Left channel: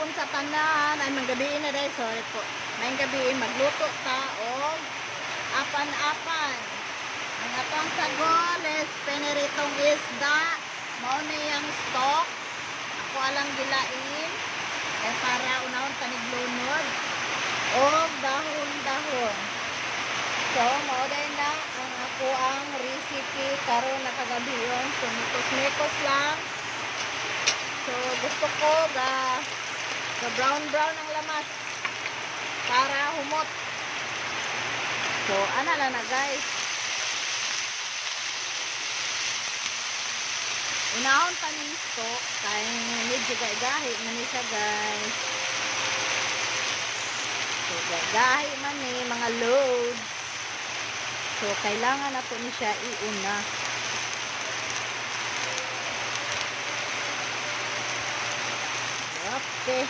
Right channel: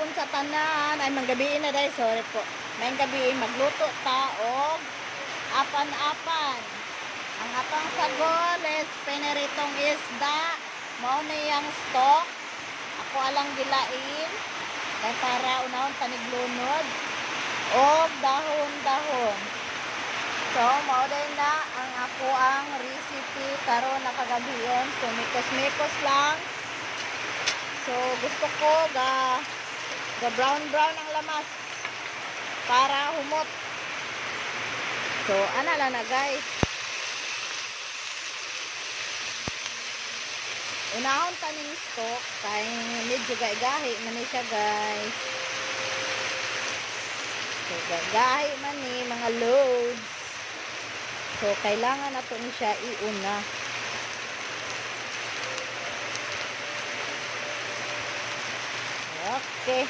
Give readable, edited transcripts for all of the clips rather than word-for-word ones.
hapon sa tanan. Ay, manggabiin na dahil. Sorry po. May gabiin, magluto ta o apan-apan. Ang atong sagol is piniritong isda. Mao na yung stock. Ako alang gilain. Kaya para unahon taniglunod. O dahon-dahon. So, mao din na ang ako ang recipe karon nakagabiyon. So, mikos-mikos lang. So, gusto ko ga brown-brown ang lamas para humot. So, ana na guys. Unahon pa ning stock kay medyo gahi man ni siya guys. So, gahi man ni mga load. So, kailangan na po ni siya iuna. Okay.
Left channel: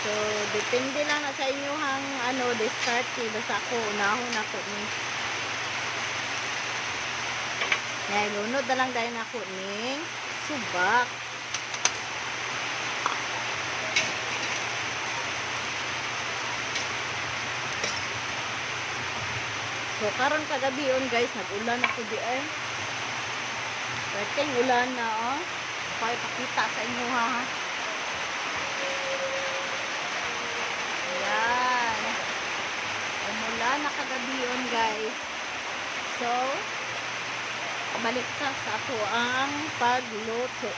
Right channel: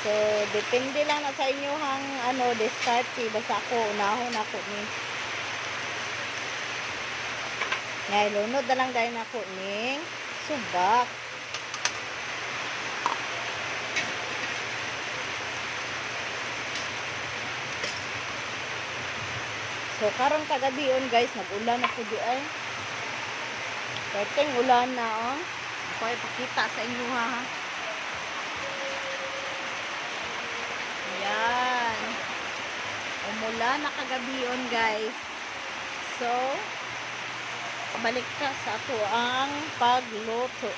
So, depende lang na sa inyo hang diskarte. Basta ako, unahon ako ni. Ngayon, lunod na lang dahil ako ni subak. So, karon kagabion guys, nag-ulan ako di ay. Perting ulan na Ako ay pakita sa inyo ha. Ayan. Umulan na kagabion guys. So, balik ka sa ato ang pagluto.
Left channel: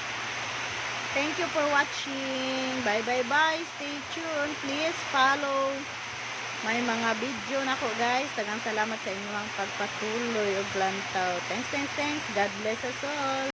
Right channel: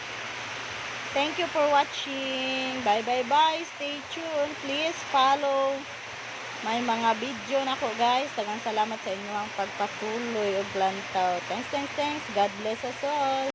Thank you for watching. Bye. Stay tuned. Please follow may mga video na ko guys. Tagang salamat sa inyo ang pagpatuloy o plantaw. Thanks. God bless us all.